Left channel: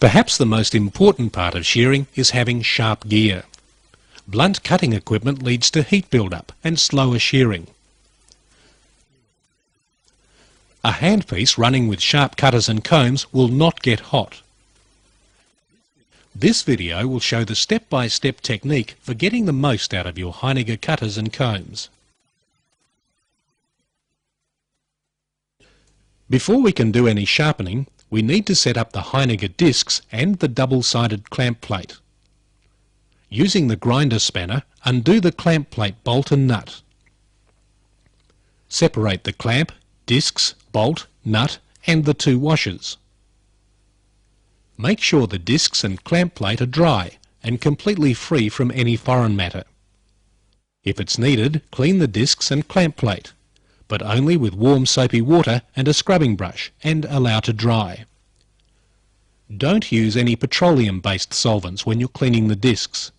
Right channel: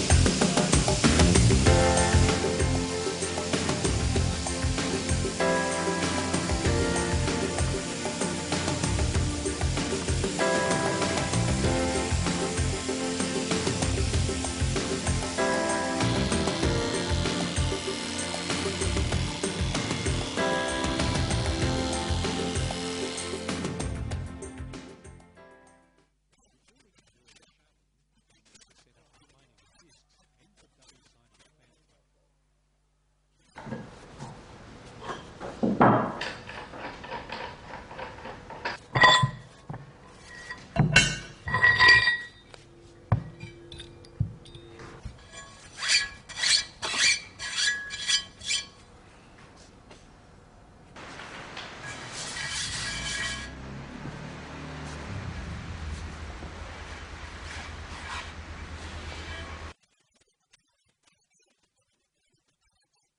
Perhaps the most important part of shearing is having sharp gear. Blunt cutting equipment leads to heat buildup and slower shearing. A handpiece running with sharp cutters and combs will not get hot. This video will show the step-by-step technique for getting the most out of your Heinegger cutters and combs. Before we can do any sharpening, we need to set up the Heinegger discs and the double-sided clamp plate. Using the grinder spanner, undo the clamp plate bolt and nut. Separate the clamp, discs, bolt, nut and the two washers. Make sure the discs and clamp plate are dry and completely free from any foreign matter. If it's needed, clean the discs and clamp plate, but only with warm soapy water and a scrubbing brush, and allow to dry. Don't use any petroleum-based solvents when you're cleaning the discs.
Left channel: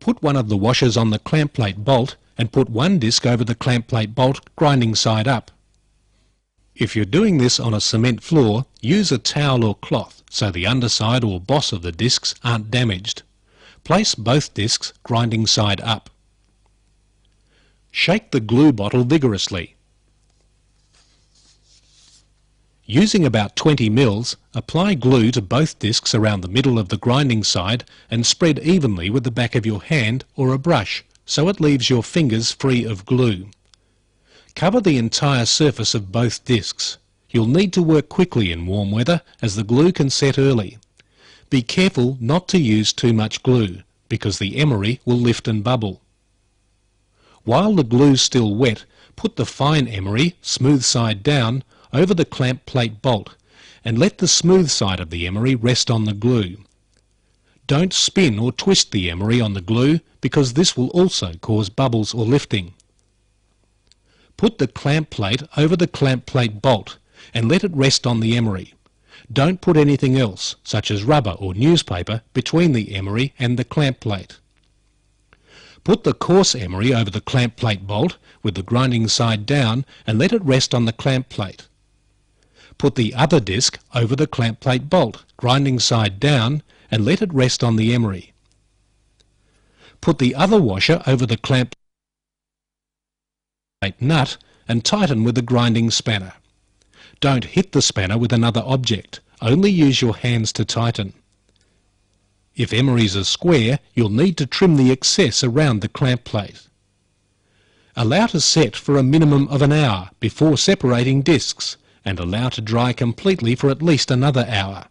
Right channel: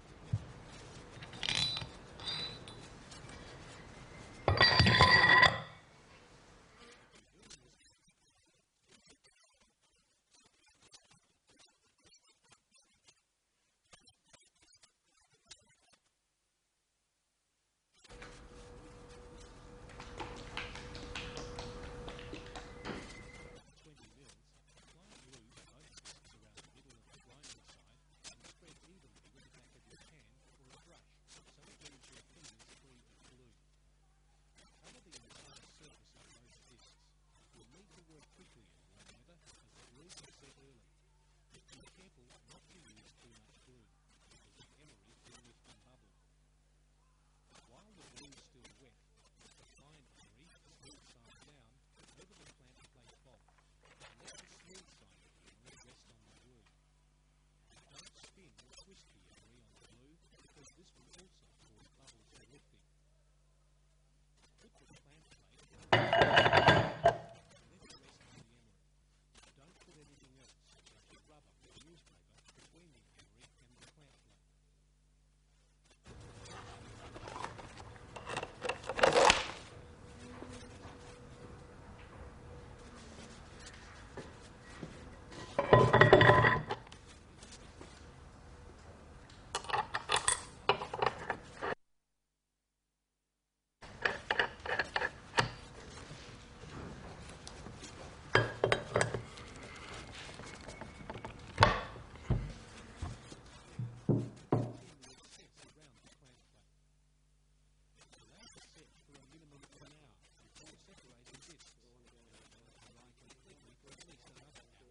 Put one of the washers on the clamp plate bolt and put one disc over the clamp plate bolt, grinding side up. If you're doing this on a cement floor, use a towel or cloth so the underside or boss of the discs aren't damaged. Place both discs grinding side up. Shake the glue bottle vigorously. Using about 20 mils, apply glue to both discs around the middle of the grinding side and spread evenly with the back of your hand or a brush so it leaves your fingers free of glue. Cover the entire surface of both discs. You'll need to work quickly in warm weather as the glue can set early. Be careful not to use too much glue because the emery will lift and bubble. While the glue's still wet, put the fine emery, smooth side down, over the clamp plate bolt and let the smooth side of the emery rest on the glue. Don't spin or twist the emery on the glue because this will also cause bubbles or lifting. Put the clamp plate over the clamp plate bolt and let it rest on the emery. Don't put anything else, such as rubber or newspaper, between the emery and the clamp plate. Put the coarse emery over the clamp plate bolt with the grinding side down and let it rest on the clamp plate. Put the other disc over the clamp plate bolt, grinding side down, and let it rest on the emery. Put the other washer over the clamp plate nut and tighten with the grinding spanner. Don't hit the spanner with another object, only use your hands to tighten. If emeries are square, you'll need to trim the excess around the clamp plate. Allow to set for a minimum of an hour before separating discs and allow to dry completely for at least another hour.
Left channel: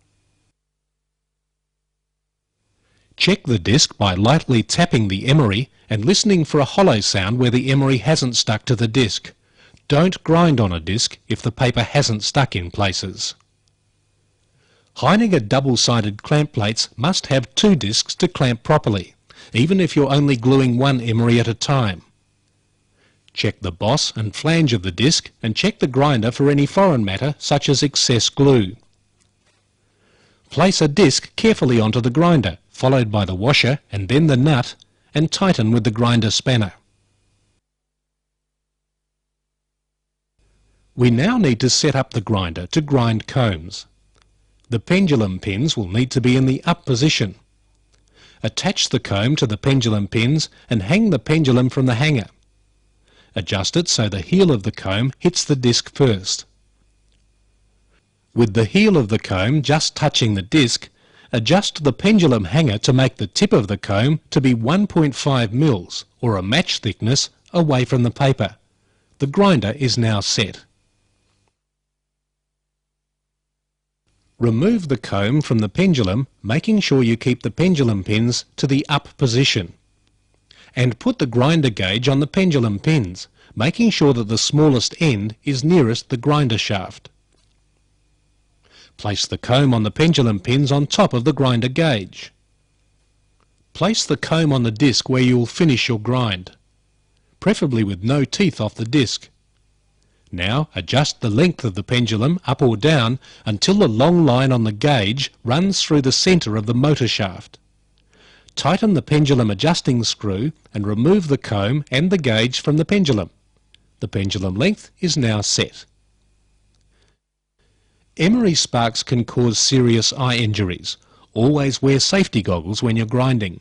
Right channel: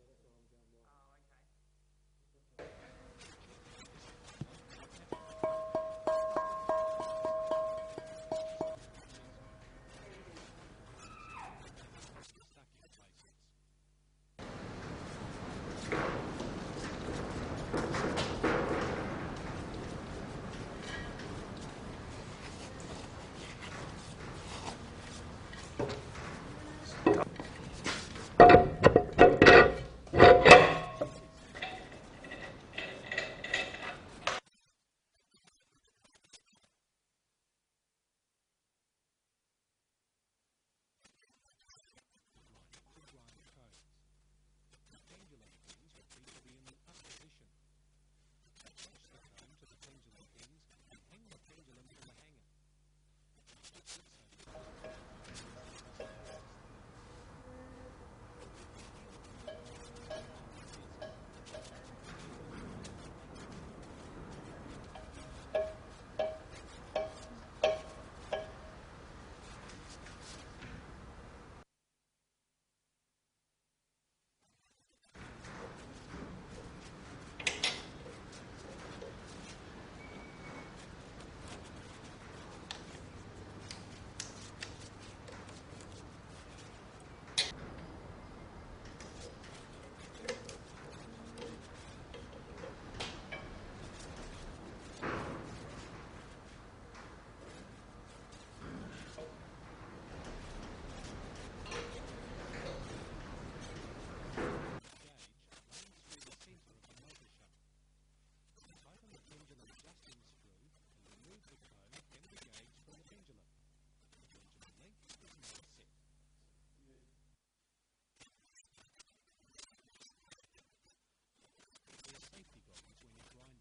Check the disc by lightly tapping the emery and listening for a hollow sound where the emery hasn't stuck to the disc. Don't grind on a disc if the paper hasn't stuck in places. Heinegger double-sided clamp plates must have two discs to clamp properly, even if you're only gluing one emery at a time. Check the boss and flange of the disc and check the grinder for any foreign matter such as excess glue. Place a disc carefully onto the grinder, followed by the washer and then the nut, and tighten with the grinder spanner. We now need to set up the grinder to grind combs. The pendulum pins will need to be in the up position. Attach the comb to the pendulum pins and hang the pendulum from the hanger. Adjust it so the heel of the comb hits the disc first. With the heel of the comb just touching the disc, adjust the pendulum hanger to make the tip of the comb to be 1.5 mils or a match thickness away from the paper. The grinder is now set. Remove the comb from the pendulum, making sure you keep the pendulum pins to the up position. And put the grinder gauge on the pendulum pins, making sure that the smallest end is nearest the grinder shaft. Place the comb on the pendulum pins on top of the grinder gauge. Place the comb on the disc where you will finish your grind, preferably with no teeth off the disc. Now adjust the length of the pendulum up or down until the long line on the gauge runs through the centre of the motor shaft. Tighten the pendulum adjusting screw and remove the comb and the gauge from the pendulum. The pendulum length is now set. Emery sparks can cause serious eye injuries. Always wear safety goggles when you're grinding.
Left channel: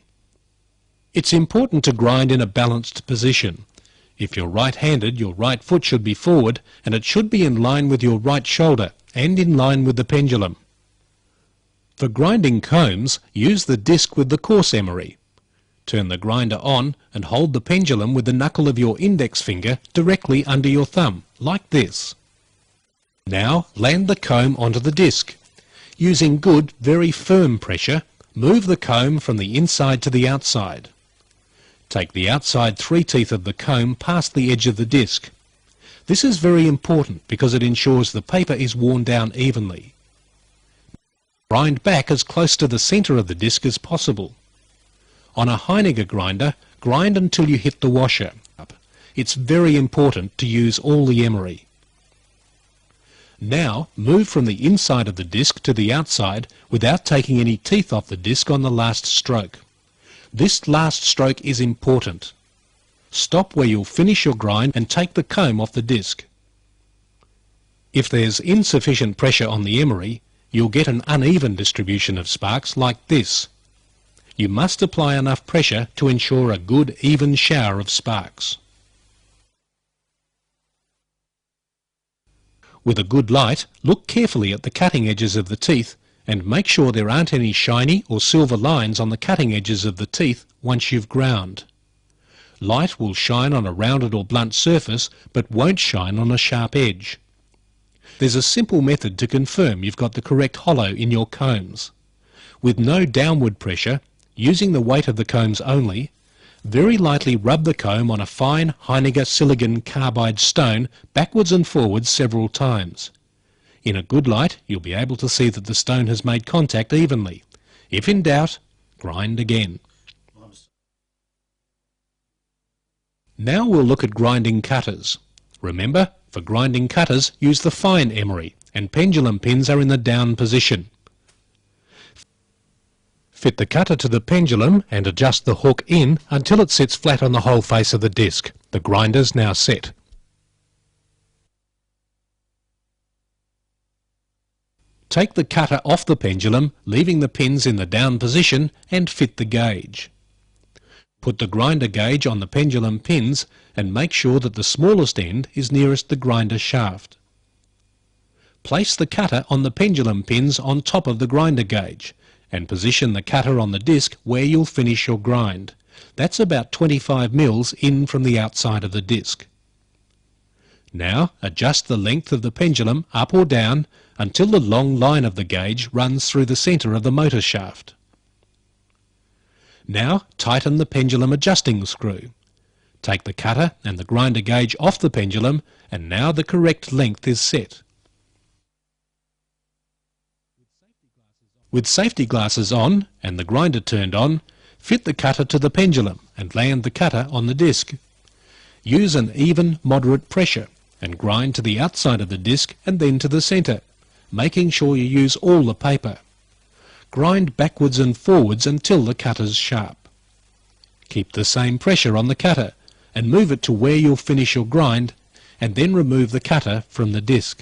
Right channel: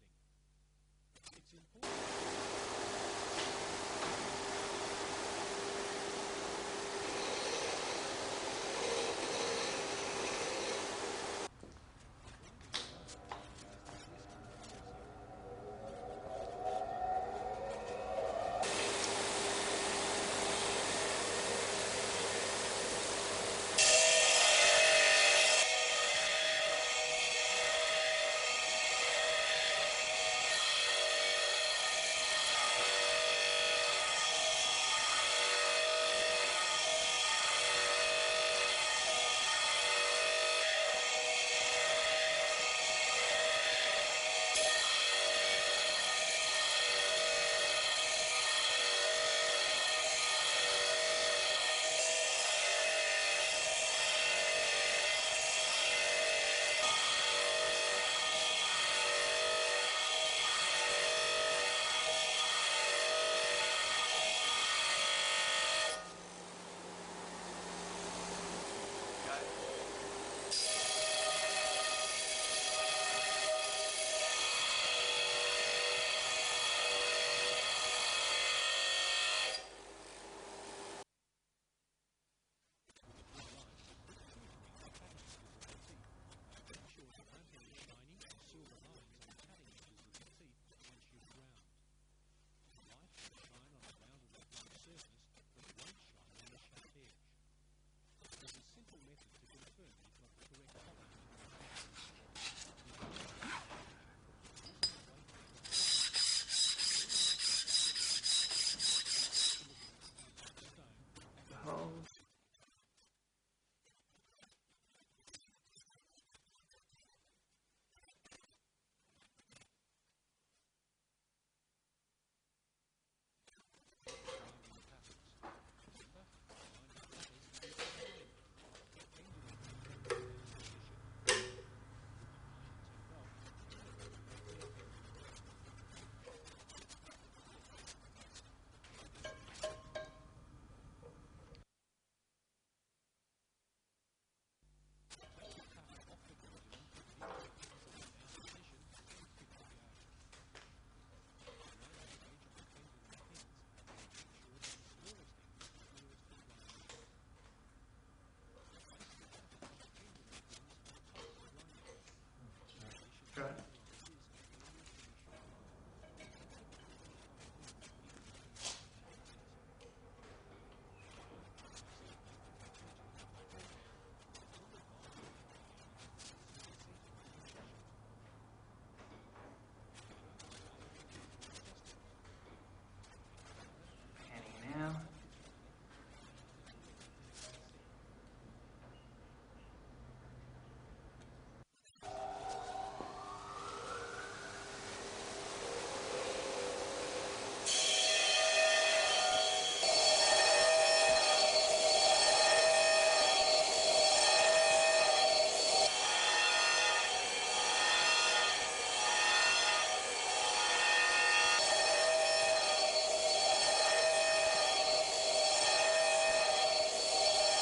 It's important to grind in a balanced position. If you're right-handed, your right foot should be forward and it should be in line with your right shoulder and in line with the pendulum. For grinding combs, use the disc with the coarse emery. Turn the grinder on and hold the pendulum with the knuckle of your index finger directly under your thumb, like this. Now land the comb onto the disc. Using good, very firm pressure, move the comb from the inside to the outside. Take the outside 3 teeth of the comb past the edge of the disc. This is very important because it ensures the paper is worn down evenly. Grind back as close to the centre of the disc as possible. On a Heinegger grinder, grind until you hit the washer. It's very important to use all the emery. Now move from the inside of the disc to the outside without taking any teeth off the disc on the last stroke. This last stroke is important. Stop where you'll finish your grind and take the comb off the disc. If there's insufficient pressure on the emery, you'll get an uneven distribution of sparks like this. You must apply enough pressure to ensure a good even shower of sparks. With a good light, look carefully at the cutting edges of the teeth and make sure there aren't any shiny or silver lines on the cutting edges of the teeth once you've ground. Light will shine on a rounded or blunt surface but won't shine on a sharp edge. There's a simple method to confirm you've got the correct hollow in your combs. With no downward pressure, using the weight of the combs only, very lightly rub the comb on a fine Heinegger silicon carbide stone backwards and forwards several times. In a good light, you'll be able to see that the stone has made contact evenly. If in doubt, grind again. Now we'll look at grinding cutters. Remember, for grinding cutters, use the fine emery, and pendulum pins are in the down position. Fit the cutter to the pendulum and adjust the hook in until it sits flat on the whole face of the disc. The grinder's now set. Take the cutter off the pendulum, leaving the pins in the down position, and fit the gauge. Put the grinder gauge on the pendulum pins and make sure that the smallest end is nearest the grinder shaft. Place the cutter on the pendulum pins on top of the grinder gauge and position the cutter on the disc where you'll finish your grind. That's about 25 mils in from the outside of the disc. Now adjust the length of the pendulum up or down until the long line of the gauge runs through the centre of the motor shaft. Now tighten the pendulum adjusting screw. Take the cutter and the grinder gauge off the pendulum and now the correct length is set. With safety glasses on and the grinder turned on, fit the cutter to the pendulum and land the cutter on the disc. Use an even, moderate pressure and grind to the outside of the disc and then to the centre, making sure you use all the paper. Grind backwards and forwards until the cutter's sharp. Keep the same pressure on the cutter and move it to where you'll finish your grind and then remove the cutter from the disc.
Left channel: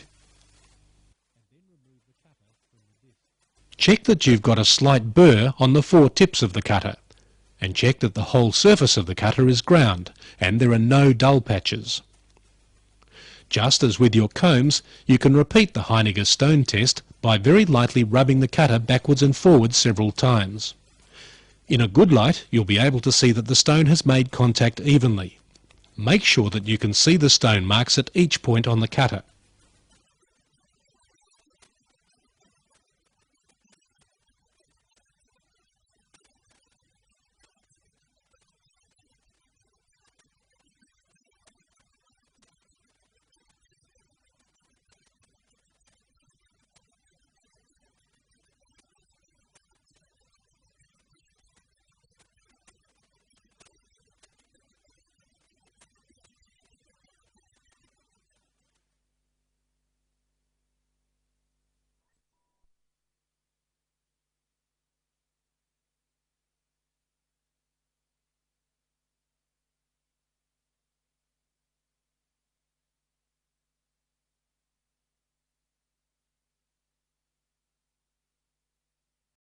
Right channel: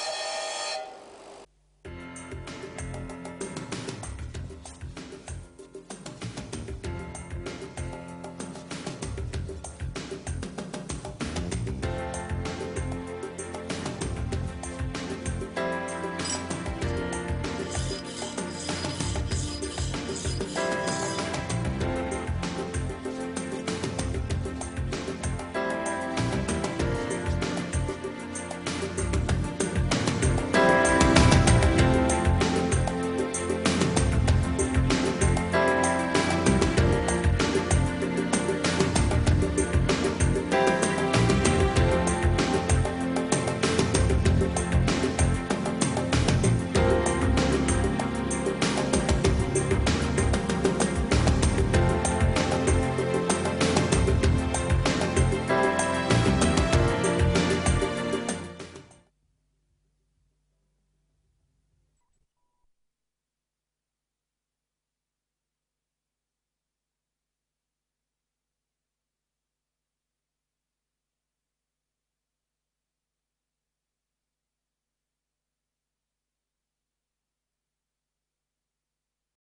Check that you've got a slight burr on the 4 tips of the cutter and check that the whole surface of the cutter is ground and there are no dull patches. Just as with your combs, you can repeat the Heinegger stone test by very lightly rubbing the cutter backwards and forwards several times. In a good light, you'll be able to see that the stone has made contact evenly. Make sure that you can see the stone marks at each point on the cutter.